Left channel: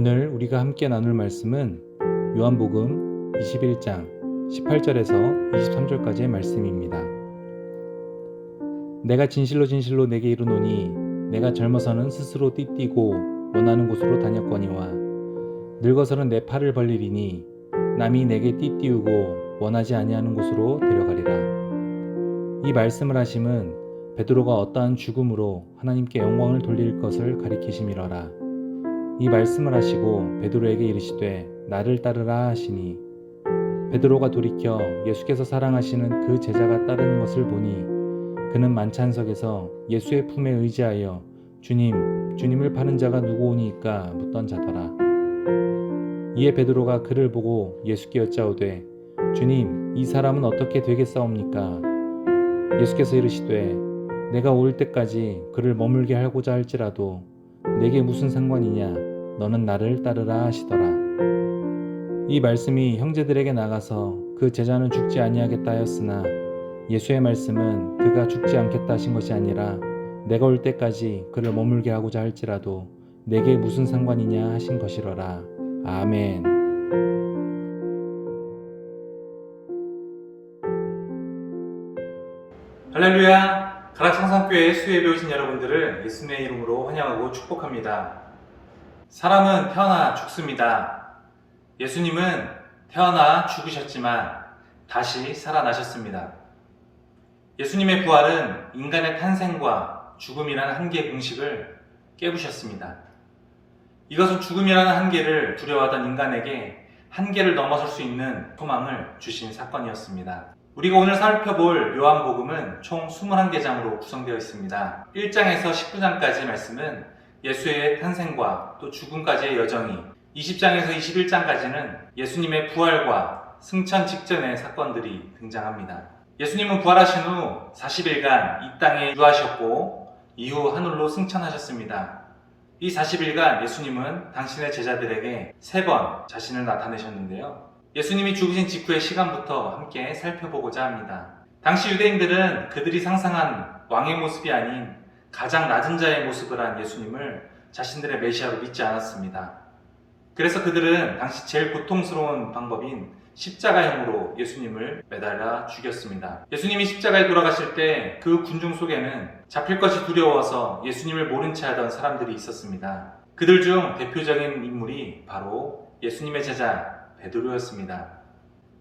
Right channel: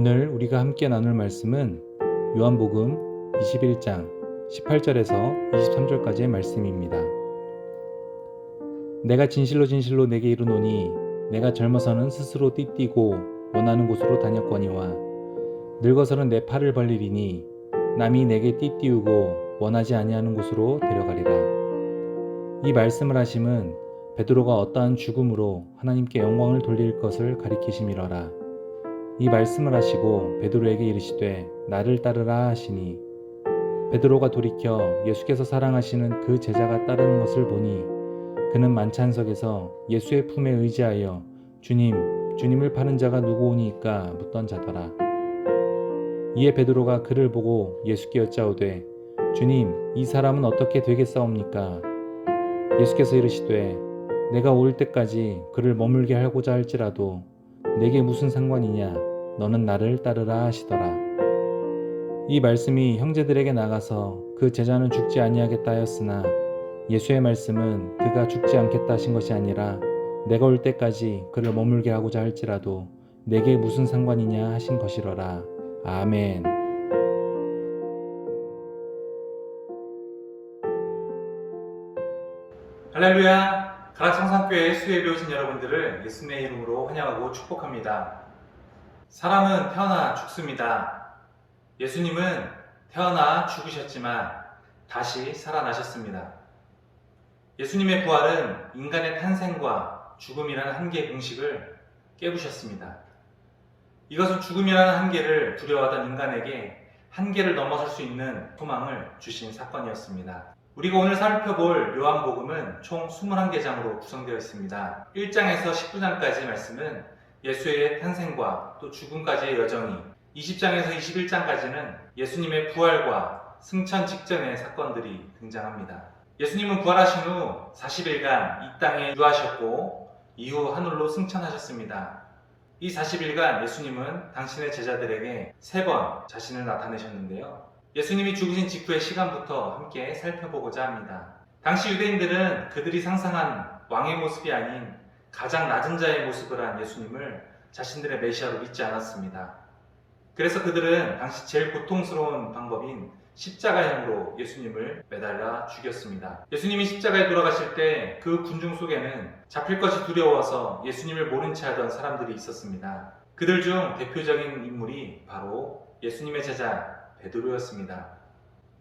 오늘 우리가 함께 나눌 말씀은 요한복음 21장 18절에서 23절까지의 말씀입니다. 내가 진실로 진실로 내게 이르노니 내가 젊어서는 스스로 띠띠고 원하는 곳으로 다녔거니와 늙어서는 내 팔을 벌리리니 남이 내게 띠띠우고 원하지 아니하는 곳으로 데려가리라. 이 말씀을 하심은 베드로가 어떠한 죽음으로 하나님께 영광을 돌릴 것을 가리키심이러라. 이 말씀을 하시고 베드로에게 이르시되 나를 따르라 하시니 베드로가 돌이켜 예수께서 사랑하시는 그 제자가 따르는 것을 보니 그는 만찬석에서 예수의 품에 의지하여 주님을 파는 자가 누구오니까 묻던 자더라. 이에 베드로가 그를 보고 예수께 여짜오되 주님, 이 사람은 어떻게 되겠사옵니까? 예수께서 이르시되 내가 올 때까지 그를 머물게 하고자 할지라도 내게 무슨 상관이냐? 너는 나를 따르라 하시더라. 이 말씀이 형제들에게 나가서 그 제자는 죽지 아니하겠다 하였으나 예수의 말씀은 그가 죽지 않겠다 하신 것이 아니라 내가 올 때까지 그를 머물게 하고자 할지라도 내게 무슨 상관이냐 하신 것이러라. 아멘. 할렐루야! 가락성산교회 수혜에 오신 여러분들을 예수님의 이름으로 환영하고 축복합니다. 사람은 태어나 죽습니다. 예수님은 태어나 죽으셨지만 다시 살아나셨습니다. 예수님의 부활은 인간의 탄생과 죽음이라는 한계의 공식을 깨부셨습니다. 이것은 죽음이라는 한계를 두려워하던 인간에게 한계를 넘어설 수 있는 소망을 주신 사건이었습니다. 우리가 오늘 살펴볼 요한복음은 총 21개장으로 구성되어 있습니다. 1장에서 19장까지의 말씀은 예수의 탄생과 또 죽음까지의 여정이, 20장에서 21장까지는 예수님의 부활과 승천 직전의 사건들이 등장합니다. 예수님은 부활하신 후 40일간 이 땅에 유하셨고 이후 하늘로 승천하셨습니다. 이 40일간 예수님은 당신의 제자들에게 3번 자신을 나타내셨는데요. 예수님이 죽으신 직후의 시간부터 함께 살펴보고자 합니다. 당시 유대인들은 그들이 상상한 왕의 모습이 아닌 가장 낮은 자의 모습을 한 예수님을 자신들의 메시아로 믿지 않았습니다. 그래서 그들은 당시 제일 고통스러운 방법인 십자가형으로 예수님을 매달아 죽였습니다. 예수님이 십자가에 돌아가실 때 그 군중 속에는 잡힐 것이 두려워서 예수님을 모른 채 하던 사람들이 있었습니다. 그들 중 대표적인 인물이 바로 예수님의 제자 베드로였습니다.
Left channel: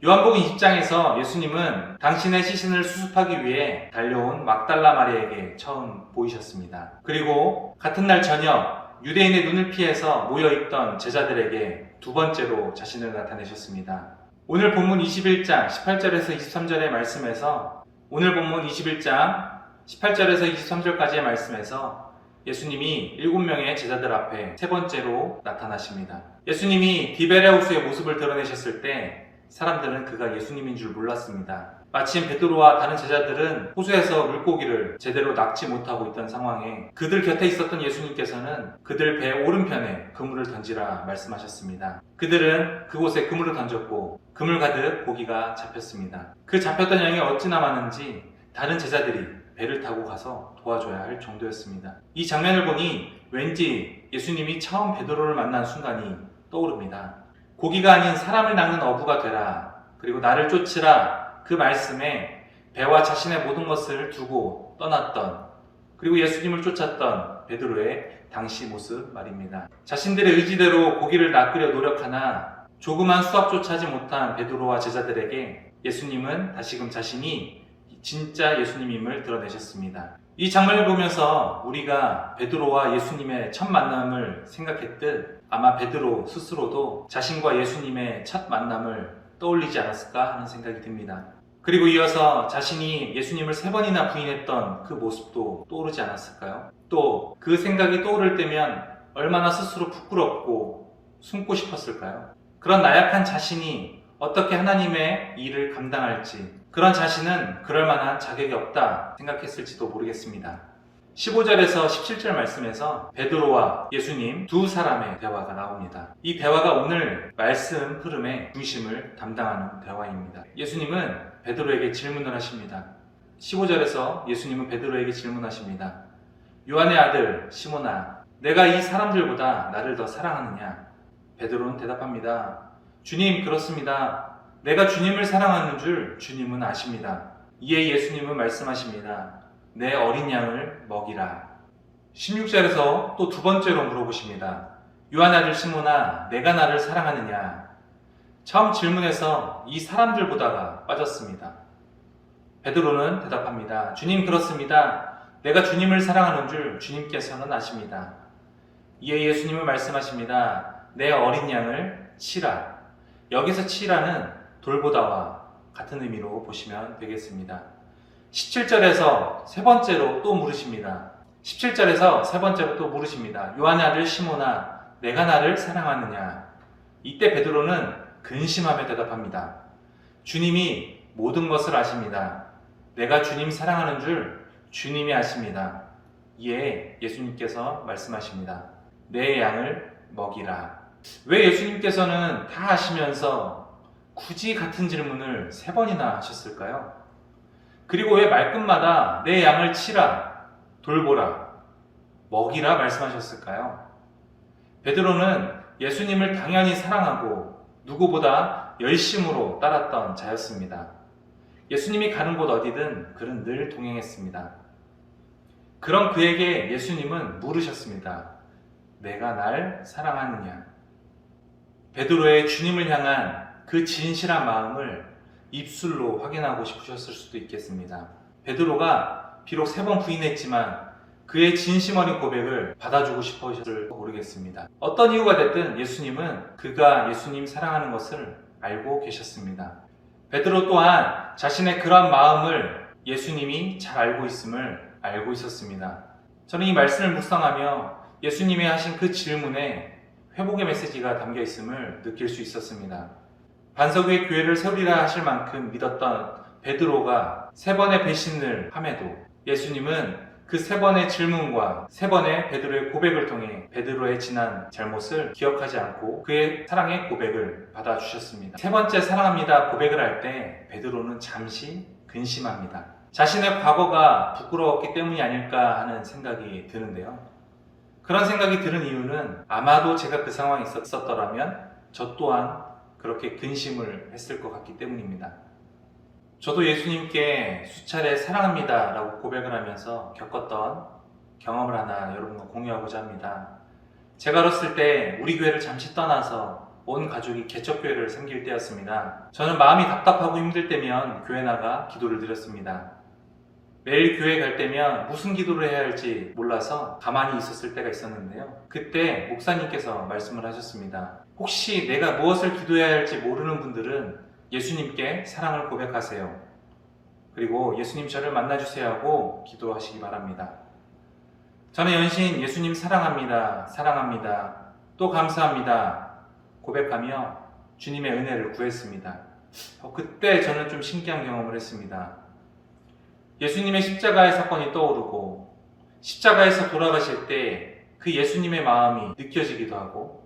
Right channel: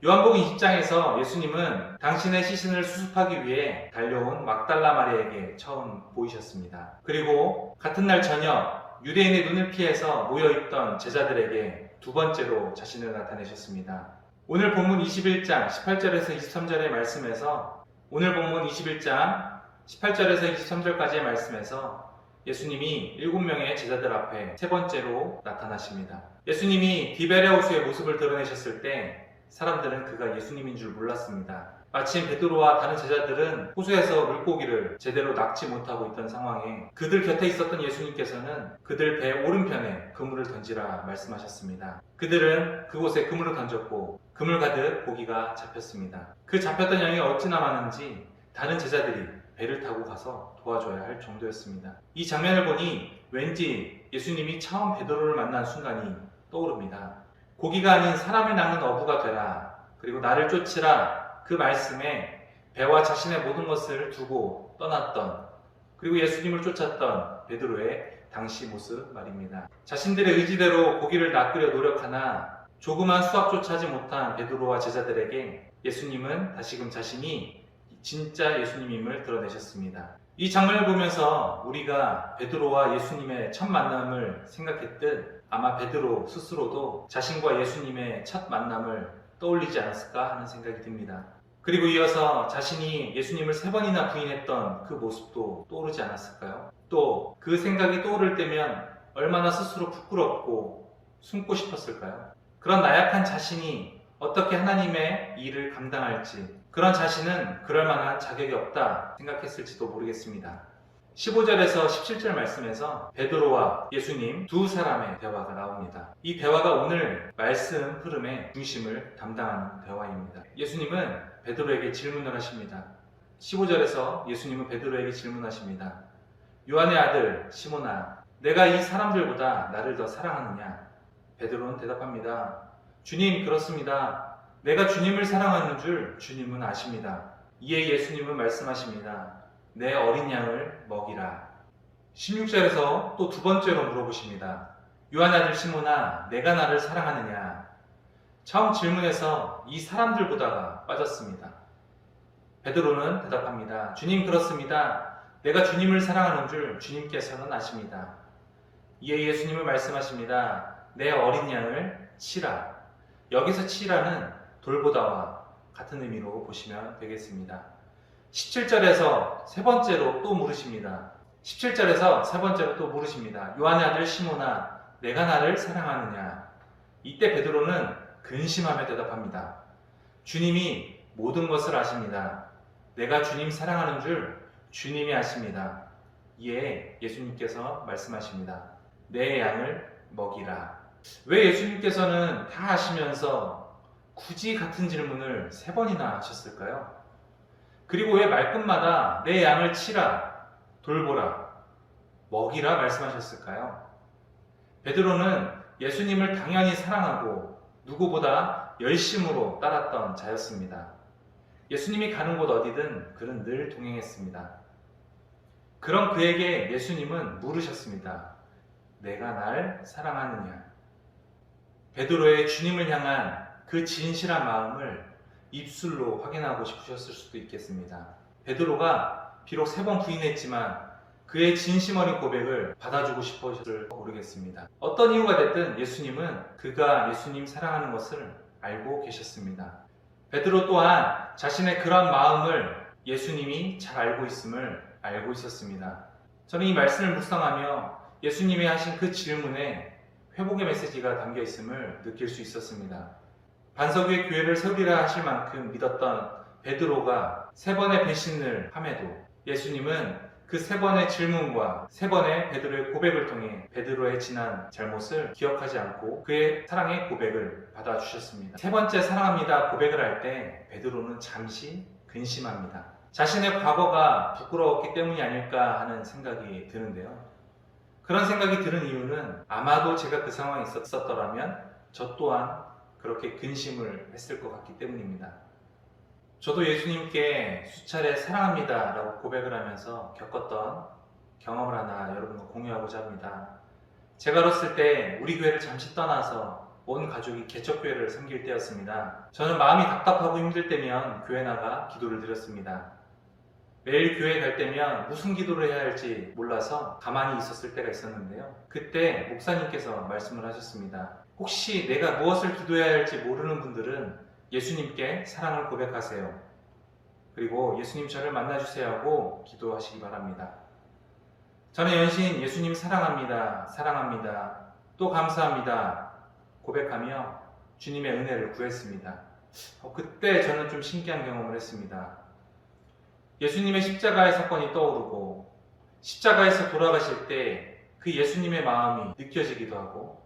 요한복음 20장에서 예수님은 당신의 시신을 수습하기 위해 달려온 막달라 마리아에게 처음 보이셨습니다. 그리고 같은 날 저녁 유대인의 눈을 피해서 모여있던 제자들에게 두 번째로 자신을 나타내셨습니다. 오늘 본문 21장 18절에서 23절의 말씀에서 오늘 본문 21장 18절에서 23절까지의 말씀에서 예수님이 7명의 제자들 앞에 세 번째로 나타나십니다. 예수님이 디베레호수의 모습을 드러내셨을 때 사람들은 그가 예수님인 줄 몰랐습니다. 마침 베드로와 다른 제자들은 호수에서 물고기를 제대로 낚지 못하고 있던 상황에 그들 곁에 있었던 예수님께서는 그들 배 오른편에 그물을 던지라 말씀하셨습니다. 그들은 그곳에 그물을 던졌고 그물 가득 고기가 잡혔습니다. 그 잡혔던 양이 어찌나 많은지 다른 제자들이 배를 타고 가서 도와줘야 할 정도였습니다. 이 장면을 보니 왠지 예수님이 처음 베드로를 만난 순간이 떠오릅니다. 고기가 아닌 사람을 낚는 어부가 되라. 그리고 나를 쫓으라. 그 말씀에 배와 자신의 모든 것을 두고 떠났던, 그리고 예수님을 쫓았던 베드로의 당시 모습 말입니다. 자신들의 의지대로 고기를 낚으려 노력하나 조그만 수확조차 하지 못한 베드로와 제자들에게 예수님은 다시금 자신이 진짜 예수님임을 드러내셨습니다. 이 장면을 보면서 우리가 베드로와 예수님의 첫 만남을 생각했듯 아마 베드로 스스로도 자신과 예수님의 첫 만남을 떠올리지 않았을까 하는 생각이 듭니다. 그리고 이어서 자신이 예수님을 3번이나 부인했던 그 모습도 떠오르지 않았을까요? 또 그 생각이 떠오를 때면 얼마나 스스로 부끄럽고 숨고 싶었을까요? 그런 나약한 자신이 어떻게 하나님의 일을 감당할지, 그런 자신은 그럴 만한 자격이 없다 생각했을지도 모르겠습니다. 15절에서 17절 말씀에서 베드로와 예수님 두 사람의 대화가 나옵니다. 이 대화가 오늘 말씀 흐름의 중심을 담당하는 대화입니다. 예수님은 베드로에게 질문을 하십니다. 15절에서 예수님은 베드로에게 질문하십니다. 요한의 아들 시몬아, 내가 이 사람들보다 나를 더 사랑하느냐? 베드로는 대답합니다. 주님, 그렇습니다. 내가 주님을 사랑하는 줄 주님은 아십니다. 이에 예수님은 말씀하십니다. 내 어린 양을 먹이라. 16절에서 또 두 번째로 물어보십니다. 요한 아들 시몬아, 내가 나를 사랑하느냐? 처음 질문에서 이 사람들 보다가 빠졌습니다. 베드로는 대답합니다. 주님, 그렇습니다. 내가 주님을 사랑하는 줄 주님께서는 아십니다. 이에 예수님은 말씀하십니다. 내 어린 양을 치라. 여기서 치라는 돌보다와 같은 의미로 보시면 되겠습니다. 17절에서 세 번째로 또 물으십니다. 17절에서 세 번째로 또 물으십니다. 요한의 아들 시몬아, 내가 나를 사랑하느냐? 이때 베드로는 근심하며 대답합니다. 주님이 모든 것을 아십니다. 내가 주님 사랑하는 줄 주님이 아십니다. 이에 예수님께서 말씀하십니다. 내 양을 먹이라. 왜 예수님께서는 다 아시면서 굳이 같은 질문을 세 번이나 하셨을까요? 그리고 왜 말끝마다 내 양을 치라, 돌보라, 먹이라 말씀하셨을까요? 베드로는 예수님을 당연히 사랑하고 누구보다 열심으로 따랐던 자였습니다. 예수님이 가는 곳 어디든 그는 늘 동행했습니다. 그런 그에게 예수님은 물으셨습니다. 내가 날 사랑하느냐? 베드로의 주님을 향한 그 진실한 마음을 입술로 확인하고 싶으셨을 수도 있겠습니다. 베드로가 비록 3번 부인했지만 그의 진심 어린 고백을 받아주고 싶으셨을 모르겠습니다. 어떤 이유가 됐든 예수님은 그가 예수님 사랑하는 것을 알고 계셨습니다. 베드로 또한 자신의 그러한 마음을 예수님이 잘 알고 있음을 알고 있었습니다. 저는 이 말씀을 묵상하며 예수님이 하신 그 질문에 회복의 메시지가 담겨 있음을 느낄 수 있었습니다. 반석 위에 교회를 세우리라 하실 만큼 믿었던 베드로가 3번의 배신을 함에도 예수님은 그 3번의 질문과 3번의 베드로의 고백을 통해 베드로의 지난 잘못을 기억하지 않고 그의 사랑의 고백을 받아주셨습니다. 3번째 사랑합니다 고백을 할 때 베드로는 잠시 근심합니다. 자신의 과거가 부끄러웠기 때문이 아닐까 하는 생각이 드는데요. 그런 생각이 드는 이유는 아마도 제가 그 상황에 있었더라면 저 또한 그렇게 근심을 했을 것 같기 때문입니다. 저도 예수님께 수차례 사랑합니다 라고 고백을 하면서 겪었던 경험을 하나 여러분과 공유하고자 합니다. 제가 어렸을 때 우리 교회를 잠시 떠나서 온 가족이 개척교회를 섬길 때였습니다. 저는 마음이 답답하고 힘들 때면 교회 나가 기도를 드렸습니다. 매일 교회 갈 때면 무슨 기도를 해야 할지 몰라서 가만히 있었을 때가 있었는데요. 그때 목사님께서 말씀을 하셨습니다. 혹시 내가 무엇을 기도해야 할지 모르는 분들은 예수님께 사랑을 고백하세요. 그리고 예수님 저를 만나주세요 하고 기도하시기 바랍니다. 저는 연신 예수님 사랑합니다. 사랑합니다. 또 감사합니다. 고백하며 주님의 은혜를 구했습니다. 그때 저는 좀 신기한 경험을 했습니다. 예수님의 십자가의 사건이 떠오르고 십자가에서 돌아가실 때 그 예수님의 마음이 느껴지기도 하고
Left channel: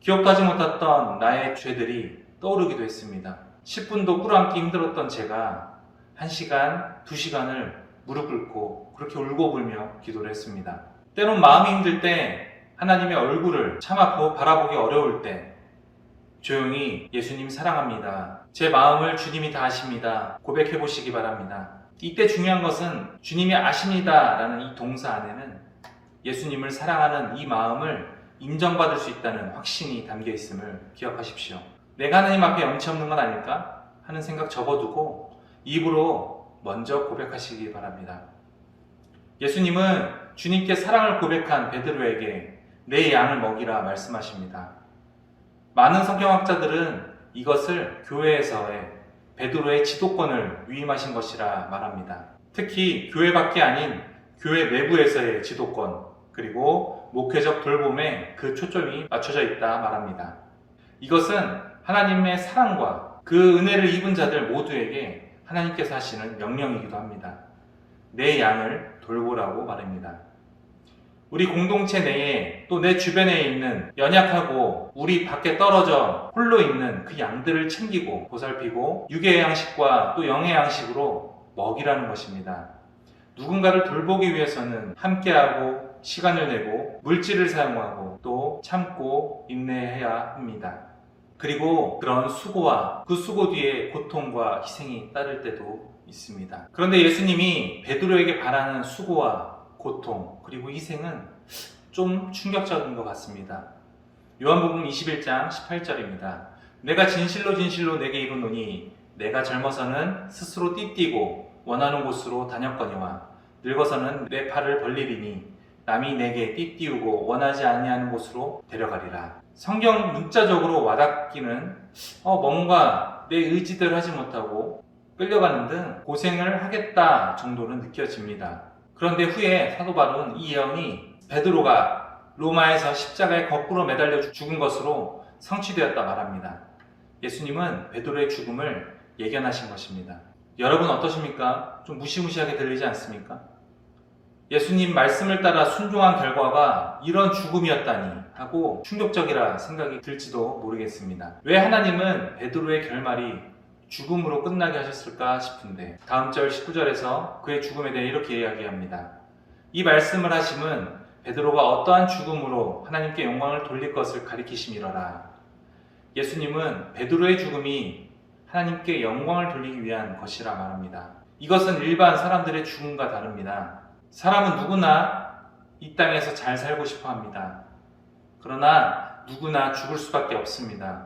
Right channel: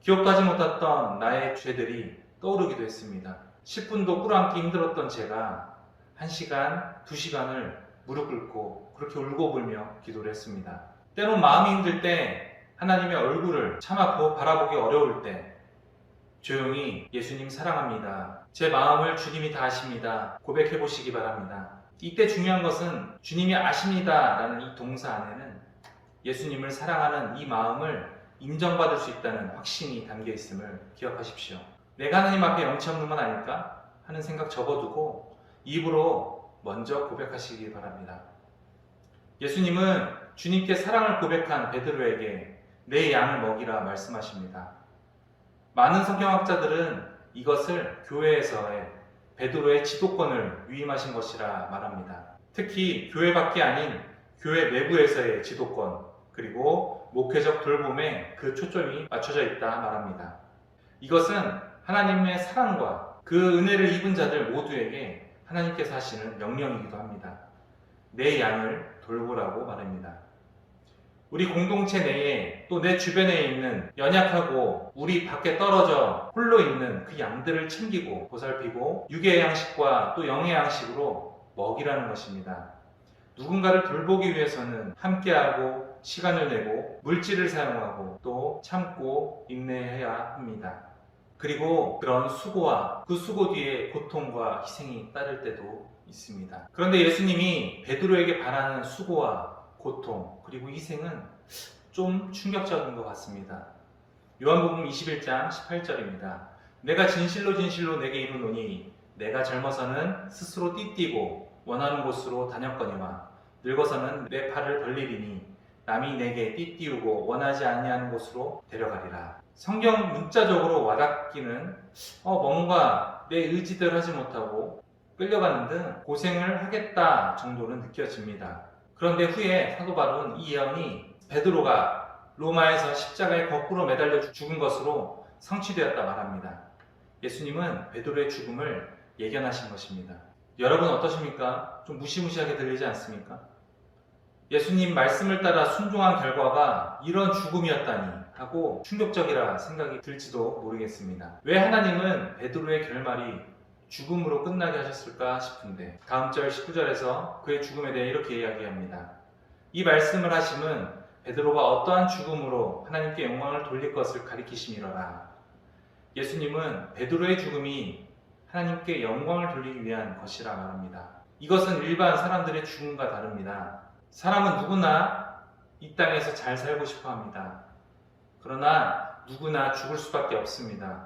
기억도 하지 못했던 나의 죄들이 떠오르기도 했습니다. 10분도 꿇어앉기 힘들었던 제가 1시간, 2시간을 무릎 꿇고 그렇게 울고 불며 기도를 했습니다. 때론 마음이 힘들 때 하나님의 얼굴을 참아 바라보기 어려울 때 조용히 예수님 사랑합니다. 제 마음을 주님이 다 아십니다. 고백해 보시기 바랍니다. 이때 중요한 것은 주님이 아십니다 라는 이 동사 안에는 예수님을 사랑하는 이 마음을 인정받을 수 있다는 확신이 담겨 있음을 기억하십시오. 내가 하나님 앞에 염치 없는 건 아닐까 하는 생각 접어두고 입으로 먼저 고백하시기 바랍니다. 예수님은 주님께 사랑을 고백한 베드로에게 내 양을 먹이라 말씀하십니다. 많은 성경학자들은 이것을 교회에서의 베드로의 지도권을 위임하신 것이라 말합니다. 특히 교회 밖이 아닌 교회 내부에서의 지도권 그리고 목회적 돌봄에 그 초점이 맞춰져 있다 말합니다. 이것은 하나님의 사랑과 그 은혜를 입은 자들 모두에게 하나님께서 하시는 명령이기도 합니다. 내 양을 돌보라고 말합니다. 우리 공동체 내에 또 내 주변에 있는 연약하고 우리 밖에 떨어져 홀로 있는 그 양들을 챙기고 보살피고 육의 양식과 또 영의 양식으로 먹이라는 것입니다. 누군가를 돌보기 위해서는 함께하고 시간을 내고 물질을 사용하고 또 참고 인내해야 합니다. 그리고 그런 수고와 그 수고 뒤에 고통과 희생이 따를 때도 있습니다. 그런데 예수님이 베드로에게 바라는 수고와 고통 그리고 희생은 좀 충격적인 것 같습니다. 요한복음 21장 18절입니다. 내가 진실로 진실로 내게 이르노니 내가 젊어서는 스스로 띠띠고 원하는 곳으로 다녔거니와 늙어서는 내 팔을 벌리리니 남이 내게 띠띠우고 원하지 아니하는 곳으로 데려가리라. 성경 문자적으로 와닿기는 뭔가 내 의지대로 하지 못하고 끌려가는 등 고생을 하겠다 정도는 느껴집니다. 그런데 후에 사도 바울은 이 예언이 베드로가 로마에서 십자가에 거꾸로 매달려 죽은 것으로 성취되었다 말합니다. 예수님은 베드로의 죽음을 예견하신 것입니다. 여러분 어떠십니까? 좀 무시무시하게 들리지 않습니까? 예수님 말씀을 따라 순종한 결과가 이런 죽음이었다니 하고 충격적이라 생각이 들지도 모르겠습니다. 왜 하나님은 베드로의 결말이 죽음으로 끝나게 하셨을까 싶은데 다음 절 19절에서 그의 죽음에 대해 이렇게 이야기합니다. 이 말씀을 하심은 베드로가 어떠한 죽음으로 하나님께 영광을 돌릴 것을 가리키심이러라. 예수님은 베드로의 죽음이 하나님께 영광을 돌리기 위한 것이라 말합니다. 이것은 일반 사람들의 죽음과 다릅니다. 사람은 누구나 이 땅에서 잘 살고 싶어 합니다. 그러나 누구나 죽을 수밖에 없습니다.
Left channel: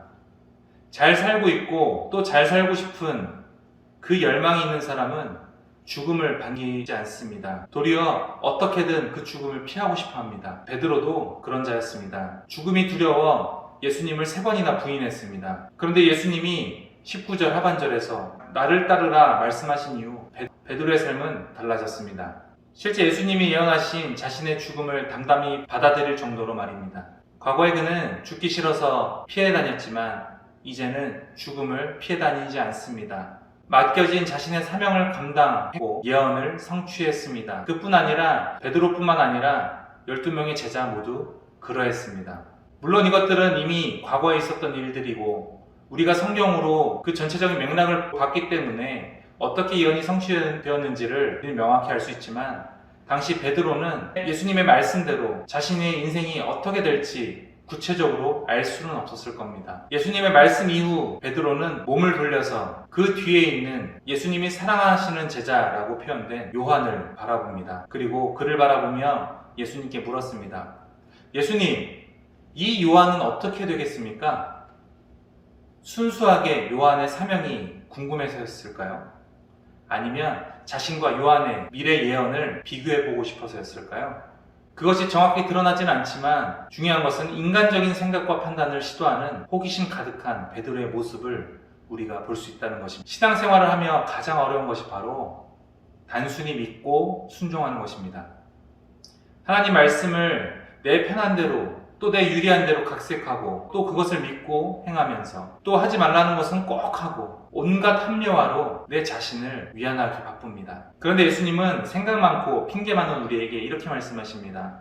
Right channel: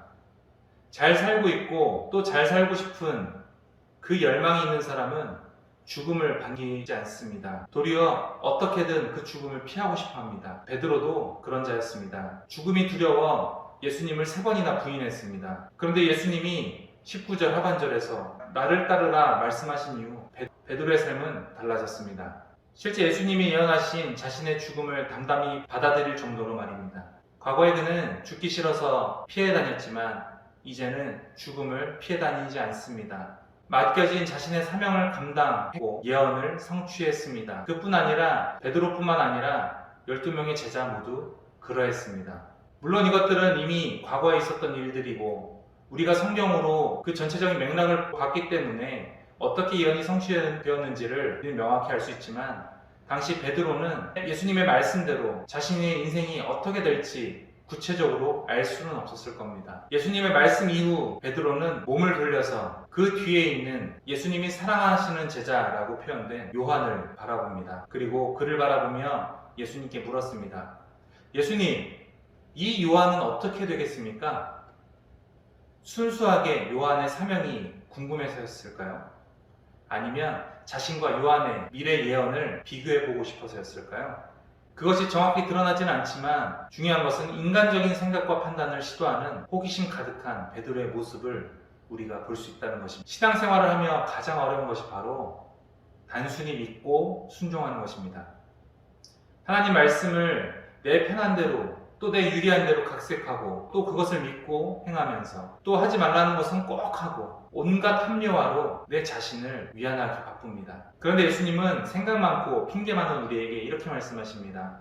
잘 살고 있고 또 잘 살고 싶은 그 열망이 있는 사람은 죽음을 반기지 않습니다. 도리어 어떻게든 그 죽음을 피하고 싶어 합니다. 베드로도 그런 자였습니다. 죽음이 두려워 예수님을 3번이나 부인했습니다. 그런데 예수님이 19절 하반절에서 나를 따르라 말씀하신 이후 베드로의 삶은 달라졌습니다. 실제 예수님이 예언하신 자신의 죽음을 담담히 받아들일 정도로 말입니다. 과거에 그는 죽기 싫어서 피해 다녔지만 이제는 죽음을 피해 다니지 않습니다. 맡겨진 자신의 사명을 감당하고 예언을 성취했습니다. 그뿐 아니라 베드로뿐만 아니라 12명의 제자 모두 그러했습니다. 물론 이것들은 이미 과거에 있었던 일들이고 우리가 성경으로 그 전체적인 맥락을 봤기 때문에 어떻게 예언이 성취되었는지를 명확히 알 수 있지만 당시 베드로는 예수님의 말씀대로 자신의 인생이 어떻게 될지 구체적으로 알 수는 없었을 겁니다. 예수님의 말씀 이후 베드로는 몸을 돌려서 그 뒤에 있는 예수님이 사랑하시는 제자라고 표현된 요한을 바라봅니다. 그리고 그를 바라보며 예수님께 물었습니다. 예수님, 이 요한은 어떻게 되겠습니까? 순수하게 요한의 사명이 궁금해서였을까요? 아니면 자신과 요한의 미래 예언을 비교해보고 싶어서였을까요? 그것이 정확히 드러나지는 않지만 중요한 것은 인간적인 생각과 판단을 시도하는 호기심 가득한 베드로의 모습을 우리가 볼 수 있다는 것입니다. 신앙생활을 하며 가장 어려운 것이 바로 단순히 믿고 순종하는 것입니다. 하나님 말씀을 내 편한 대로 또 내 유리한 대로 각색하고 또 그것을 믿고 행하면서 또 하지 말라는 것은 꼭 하고 온갖 합리화로 내 자신을 위안하기 바쁩니다. 그런데 예수님은 생각 많고 핑계 많은 우리에게 이렇게 말씀하십니다.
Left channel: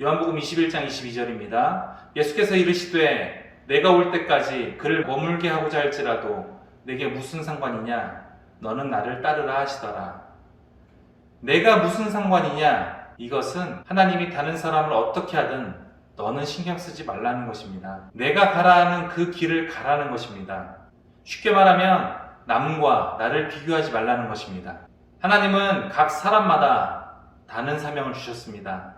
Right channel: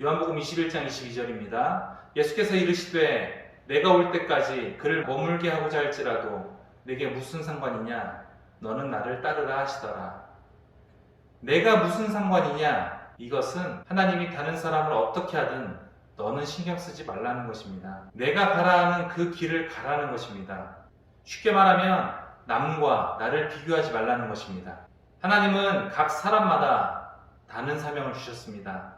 요한복음 21장 22절입니다. 예수께서 이르시되 내가 올 때까지 그를 머물게 하고자 할지라도 내게 무슨 상관이냐? 너는 나를 따르라 하시더라. 내가 무슨 상관이냐? 이것은 하나님이 다른 사람을 어떻게 하든 너는 신경 쓰지 말라는 것입니다. 내가 가라 하는 그 길을 가라는 것입니다. 쉽게 말하면 남과 나를 비교하지 말라는 것입니다. 하나님은 각 사람마다 다른 사명을 주셨습니다.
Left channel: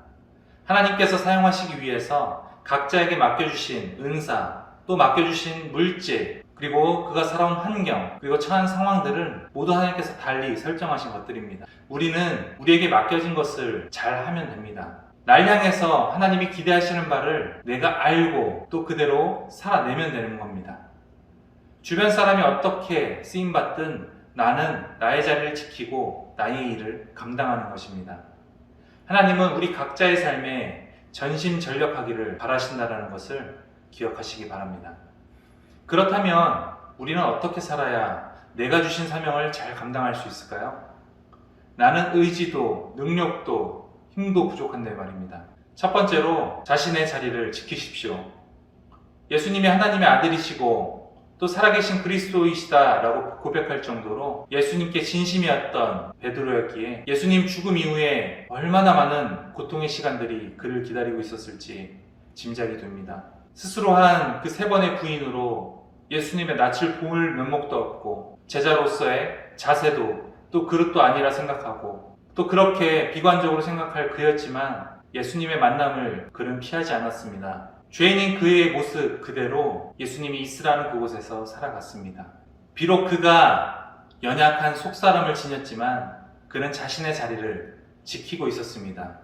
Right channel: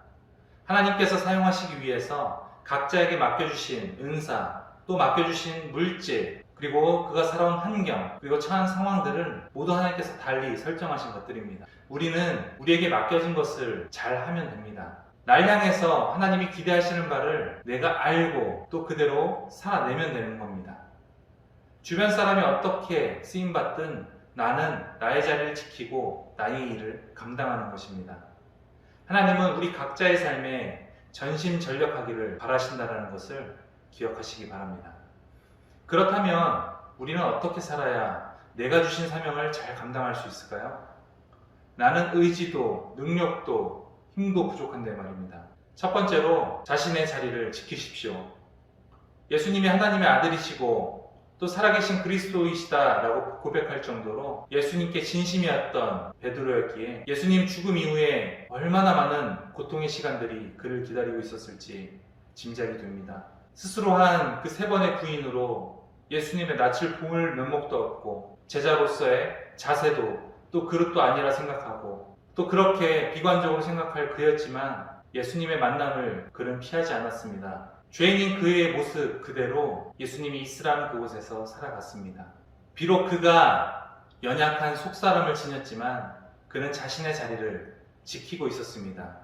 하나님께서 사용하시기 위해서 각자에게 맡겨주신 은사, 또 맡겨주신 물질, 그리고 그가 살아온 환경, 그리고 처한 상황들을 모두 하나님께서 달리 설정하신 것들입니다. 우리는 우리에게 맡겨진 것을 잘 하면 됩니다. 날 향해서 하나님이 기대하시는 바를 내가 알고 또 그대로 살아내면 되는 겁니다. 주변 사람이 어떻게 쓰임받든 나는 나의 자리를 지키고 나의 일을 감당하는 것입니다. 하나님은 우리 각자의 삶에 전심전력하기를 바라신다는 것을 기억하시기 바랍니다. 그렇다면 우리는 어떻게 살아야 내가 주신 사명을 잘 감당할 수 있을까요? 나는 의지도 능력도 힘도 부족한데 말입니다. 첫 번째로 자신의 자리를 지키십시오. 예수님이 하나님의 아들이시고 또 살아계신 그리스도이시다라고 고백할 정도로 예수님께 진심이었던 베드로였기에 예수님 죽음 이후에 얼마나 많은 고통의 시간들이 그를 기다리고 있었을지 짐작이 됩니다. 스스로 한 그 3번의 부인으로 예수님의 낯을 볼 면목도 없고 제자로서의 자세도 또 그릇도 아니라 생각하고 또 그렇게 비관적으로 생각할 그였지만 예수님의 만남을 그는 피하지 않았습니다. 죄인인 그의 모습 그대로 예수님이 있으라는 그곳에서 살아갔습니다. 비록 그가 연약한 속사람을 지녔지만 그는 자신의 자리를 지키고 있었습니다.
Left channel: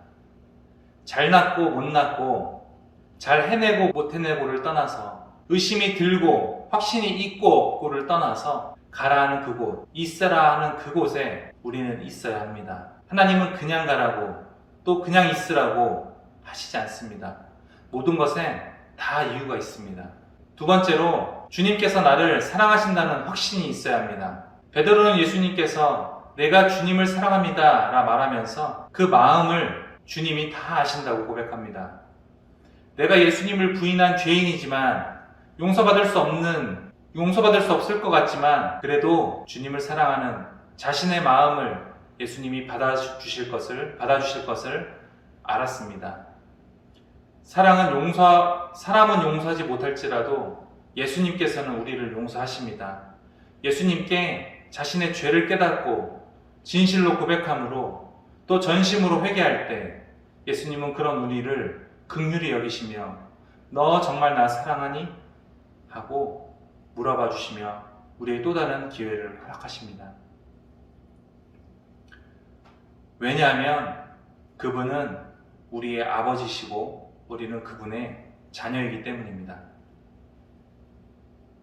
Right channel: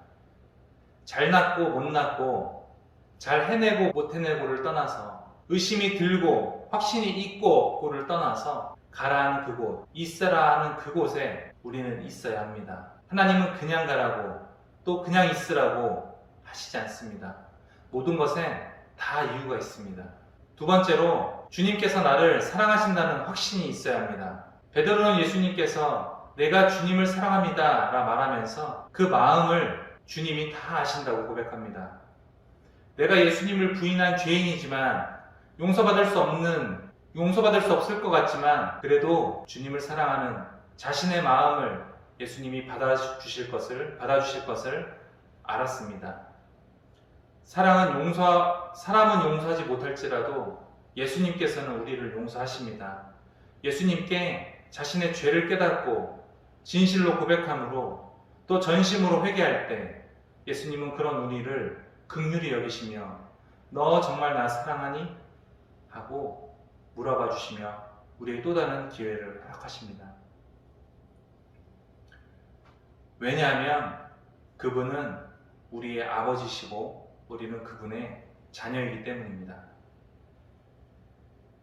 잘났고 못났고 잘 해내고 못 해내고를 떠나서 의심이 들고 확신이 있고 없고를 떠나서 가라 하는 그곳, 있으라 하는 그곳에 우리는 있어야 합니다. 하나님은 그냥 가라고 또 그냥 있으라고 하시지 않습니다. 모든 것에 다 이유가 있습니다. 두 번째로 주님께서 나를 사랑하신다는 확신이 있어야 합니다. 베드로는 예수님께서 내가 주님을 사랑합니다 라 말하면서 그 마음을 주님이 다 아신다고 고백합니다. 내가 예수님을 부인한 죄인이지만 용서받을 수 없을 것 같지만 그래도 주님을 사랑하는 자신의 마음을 예수님이 받아주실 것을 알았습니다. 사람은 용서하지 못할지라도 예수님께서는 우리를 용서하십니다. 예수님께 자신의 죄를 깨닫고 진실로 고백함으로 또 전심으로 회개할 때 예수님은 그런 우리를 긍휼히 여기시며 너 정말 나 사랑하니? 하고 물어봐 주시며 우리의 또 다른 기회를 허락하십니다. 왜냐하면 그분은 우리의 아버지시고 우리는 그분의 자녀이기 때문입니다.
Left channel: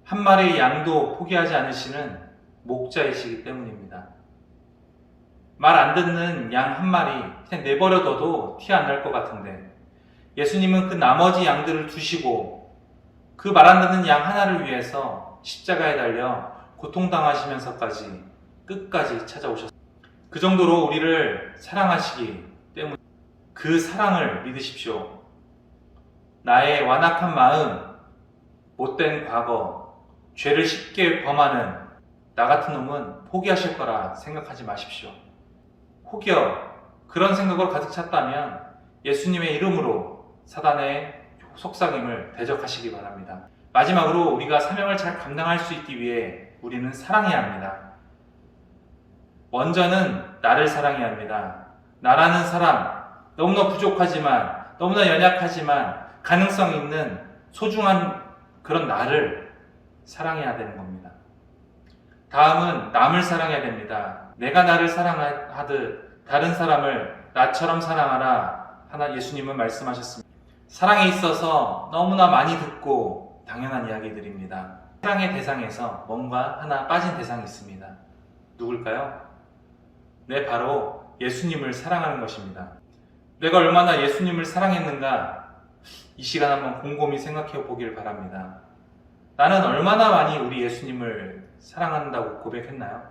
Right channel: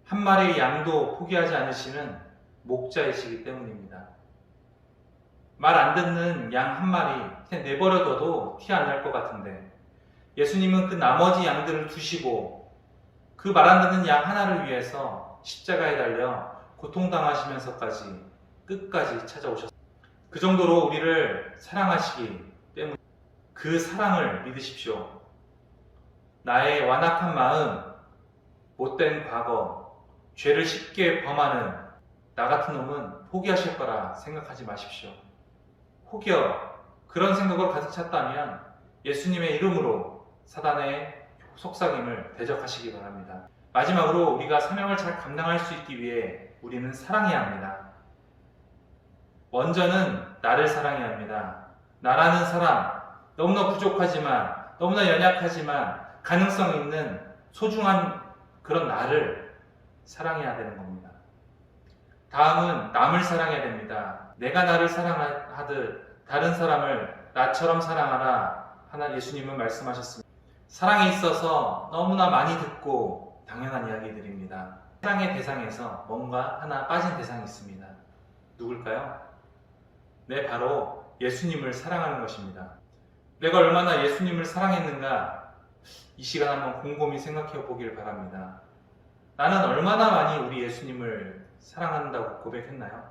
한 마리의 양도 포기하지 않으시는 목자이시기 때문입니다. 말 안 듣는 양 한 마리 그냥 내버려둬도 티 안 날 것 같은데 예수님은 그 나머지 양들을 두시고 그 말 안 듣는 양 하나를 위해서 십자가에 달려 고통당하시면서까지 끝까지 찾아오셨습니다. 그 정도로 우리를 사랑하시기 때문에 그 사랑을 믿으십시오. 나의 완악한 마음, 못된 과거, 죄를 쉽게 범하는 나 같은 놈은 포기하실 거라 생각하지 마십시오. 혹여 그런 생각으로 가득 찼다면 예수님의 이름으로 사단의 속삭임을 대적하시기 바랍니다. 마지막으로 우리가 사명을 잘 감당할 수 있기 위해 우리는 사랑해야 합니다. 먼저는 나를 사랑해야 합니다. 나라는 사람, 너무나 부족하지만 너무나 연약하지만 가능성 있는 소중한 그런 나를 사랑해야 되는 겁니다. 다음은 남을 사랑해야 됩니다. 내가 나를 사랑하듯 다른 사람을 나처럼 사랑하라 하나 예수님은 말씀하셨습니다. 사랑에 있어서 너무나 많이 듣고 당연한 이야기들입니다. 사랑의 대상에서 뭔가 하나 빠진 대상이 있습니다. 누굴까요? 네, 바로 예수님을 사랑하는 것입니다. 내가 얼마나 예수님을 사랑했는가 이 시간 한번 곰곰이 생각해 보길 바랍니다. 나는 얼마나 많이 우리 예수님을 사랑한다고 고백했나요?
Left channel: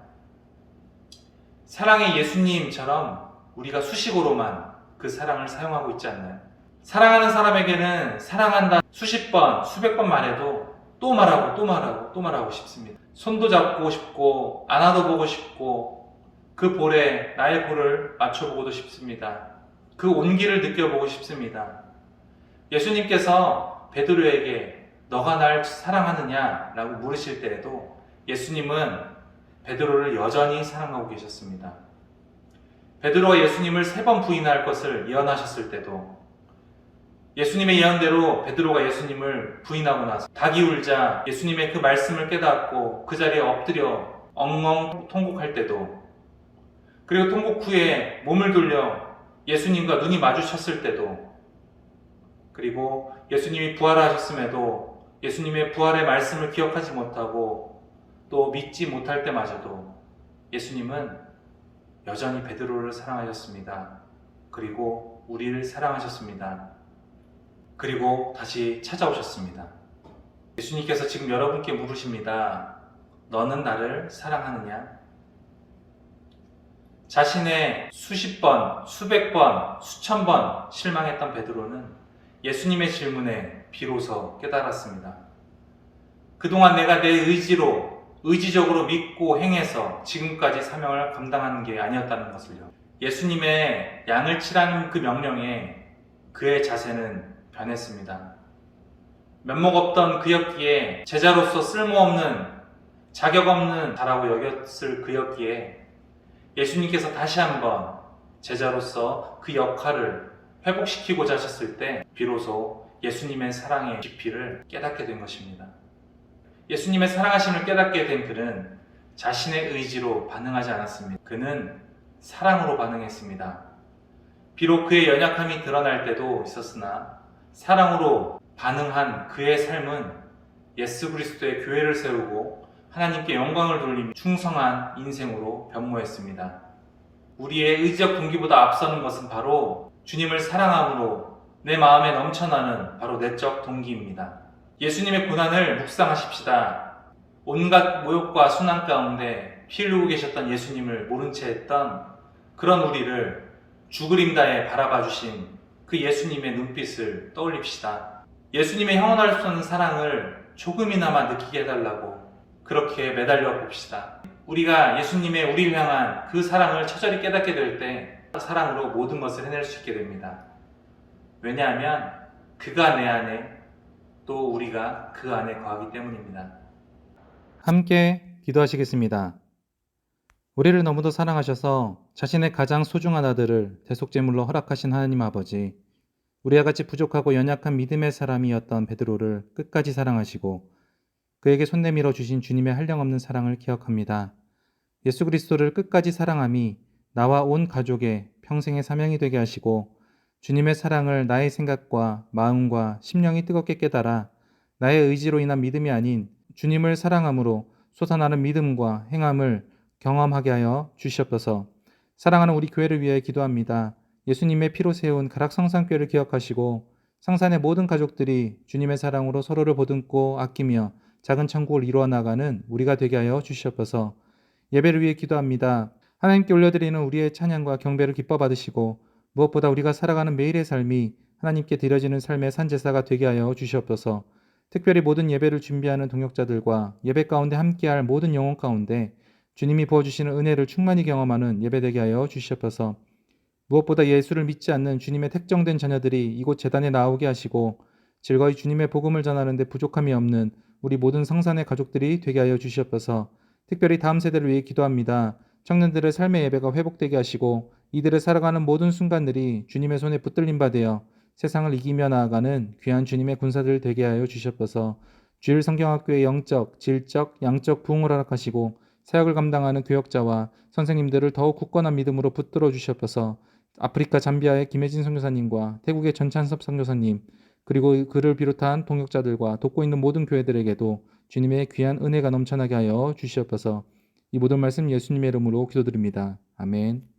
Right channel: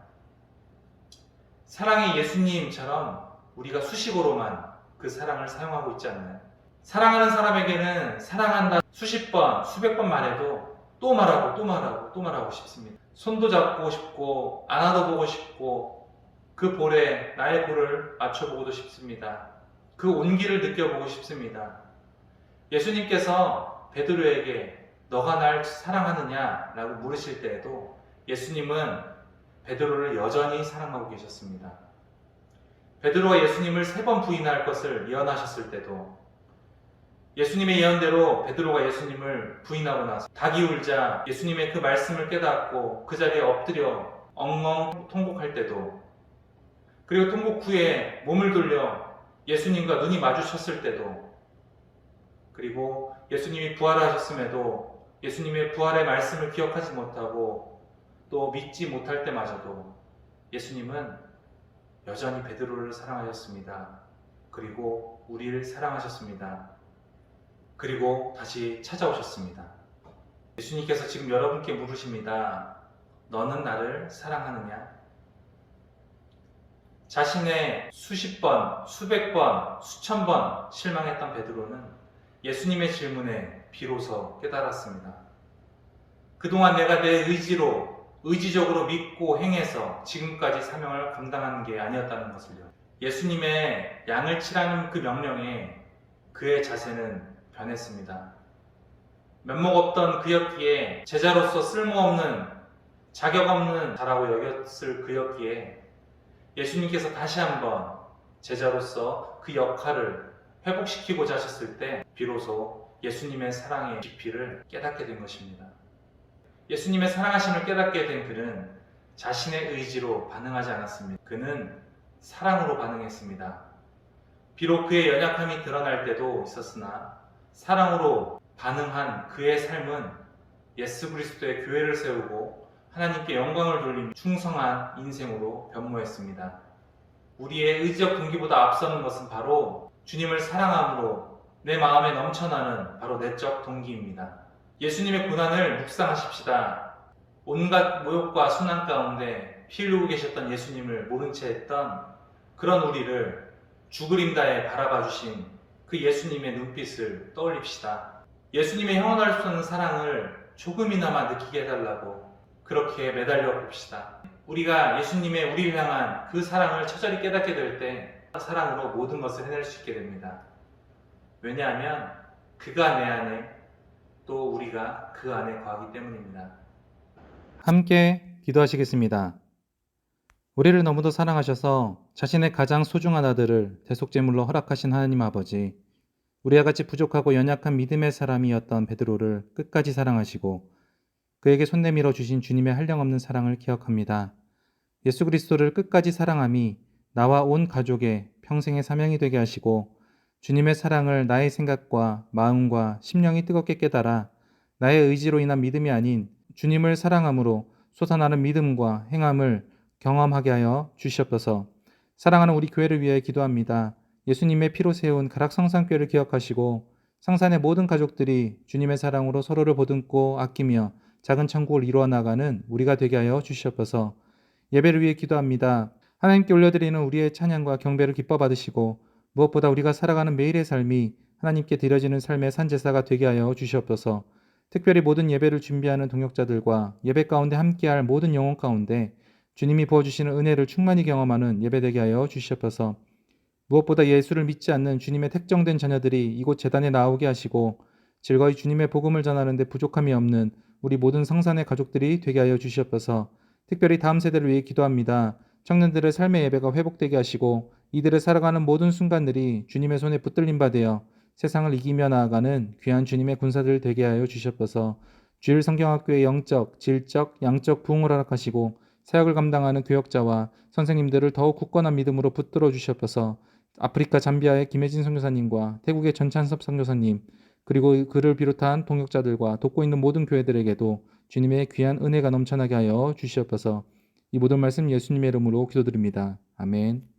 사랑의 예수님처럼 우리가 수식어로만 그 사랑을 사용하고 있지 않나요? 사랑하는 사람에게는 사랑한다 수십 번, 수백 번 말해도 또 말하고 싶습니다. 손도 잡고 싶고 안아도 보고 싶고 그 볼에 나의 볼을 맞춰보고도 싶습니다. 그 온기를 느껴보고 싶습니다. 예수님께서 베드로에게 너가 날 사랑하느냐? 라고 물으실 때에도 예수님은 베드로를 여전히 사랑하고 계셨습니다. 베드로가 예수님을 3번 부인할 것을 예언하셨을 때도 예수님의 예언대로 베드로가 예수님을 부인하고 나서 닭이 울자 예수님의 그 말씀을 깨닫고 그 자리에 엎드려 엉엉 통곡할 때도 그리고 통곡 후에 몸을 돌려 예수님과 눈이 마주쳤을 때도 그리고 예수님이 부활하셨음에도 예수님의 부활의 말씀을 기억하지 못하고 또 믿지 못할 때마저도 예수님은 여전히 베드로를 사랑하셨습니다. 그리고 우리를 사랑하셨습니다. 그리고 다시 찾아오셨습니다. 예수님께서 지금 여러분께 물으십니다. 너는 나를 사랑하느냐? 자신의 수십 번, 수백 번, 수천 번 실망했던 베드로는 예수님의 질문에 비로소 깨달았습니다. 그동안 내가 내 의지적으로 믿고 행해서 지금까지 사명을 감당하는 게 아니었다는 것을요. 예수님의 양을 치라는 그 명령에 그의 자세는 변했습니다. 면목 없던 그였기에, 제자로서 쓸모없는, 자격 없는 자라고 여겼을 그였기에 예수님께서 다시 한번 제자로서 그 역할을 회복시키고자 하셨을 때 비로소 예수님의 사랑의 깊이를 깨닫게 된 것입니다. 예수님의 사랑하심을 깨닫게 된 그는 자신의 의지로 반응하지 않았습니다. 그는 사랑으로 반응했습니다. 비록 그의 연약함이 드러날 때도 있었으나 사랑으로 반응한 그의 삶은 예수 그리스도의 교회를 세우고 하나님께 영광을 돌리며 충성한 인생으로 변모했습니다. 우리의 의지적 동기보다 앞서는 것은 바로 주님을 사랑함으로 내 마음에 넘쳐나는 바로 내적 동기입니다. 예수님의 고난을 묵상하십시다. 온갖 모욕과 순환 가운데 피 흘리고 계셨던 예수님을 모른 채 했던 그런 우리를 주그림다에 바라봐 주신 그 예수님의 눈빛을 떠올립시다. 예수님의 영원할 수 없는 사랑을 조금이나마 느끼게 해달라고 그렇게 매달려 봅시다. 우리가 예수님의 우리를 향한 그 사랑을 처절히 깨닫게 될 때 사랑으로 모든 것을 해낼 수 있게 됩니다. 왜냐하면 그가 내 안에, 또 우리가 그 안에 거하기 때문입니다. 함께 기도하시겠습니다. 우리를 너무도 사랑하셔서 자신의 가장 소중한 아들을 대속제물로 허락하신 하나님 아버지, 우리와 같이 부족하고 연약한 믿음의 사람이었던 베드로를 끝까지 사랑하시고 그에게 손 내밀어 주신 주님의 한량없는 사랑을 기억합니다. 예수 그리스도를 끝까지 사랑함이 나와 온 가족의 평생의 사명이 되게 하시고 주님의 사랑을 나의 생각과 마음과 심령이 뜨겁게 깨달아 나의 의지로 인한 믿음이 아닌 주님을 사랑함으로 솟아나는 믿음과 행함을 경험하게 하여 주시옵소서. 사랑하는 우리 교회를 위해 기도합니다. 예수님의 피로 세운 가락성산교회를 기억하시고 성산의 모든 가족들이 주님의 사랑으로 서로를 보듬고 아끼며 작은 천국을 이루어 나가는 우리가 되게 하여 주시옵소서. 예배를 위해 기도합니다. 하나님께 올려드리는 우리의 찬양과 경배를 기뻐 받으시고 무엇보다 우리가 살아가는 매일의 삶이 하나님께 드려지는 삶의 산제사가 되게 하여 주시옵소서. 특별히 모든 예배를 준비하는 동역자들과 예배 가운데 함께할 모든 영혼 가운데 주님이 부어주시는 은혜를 충만히 경험하는 예배 되게 하여 주시옵소서. 무엇보다 예수를 믿지 않는 주님의 택정된 자녀들이 이곳 제단에 나오게 하시고 즐거이 주님의 복음을 전하는 데 부족함이 없는 우리 모든 성산의 가족들이 되게 하여 주시옵소서. 특별히 다음 세대를 위해 기도합니다. 청년들의 삶의 예배가 회복되게 하시고 이들의 살아가는 모든 순간들이 주님의 손에 붙들림 받으여 세상을 이기며 나아가는 귀한 주님의 군사들 되게 하여 주시옵소서. 주일 성경학교의 영적, 질적, 양적 부흥을 허락하시고 사역을 감당하는 교역자와 선생님들을 더욱 굳건한 믿음으로 붙들어 주시옵소서. 아프리카 잠비아의 김혜진 선교사님과 태국의 전찬섭 선교사님, 그리고 그를 비롯한 동역자들과 돕고 있는 모든 교회들에게도 주님의 귀한 은혜가 넘쳐나게 하여 주시옵소서. 이 모든 말씀 예수님의 이름으로 기도드립니다. 아멘.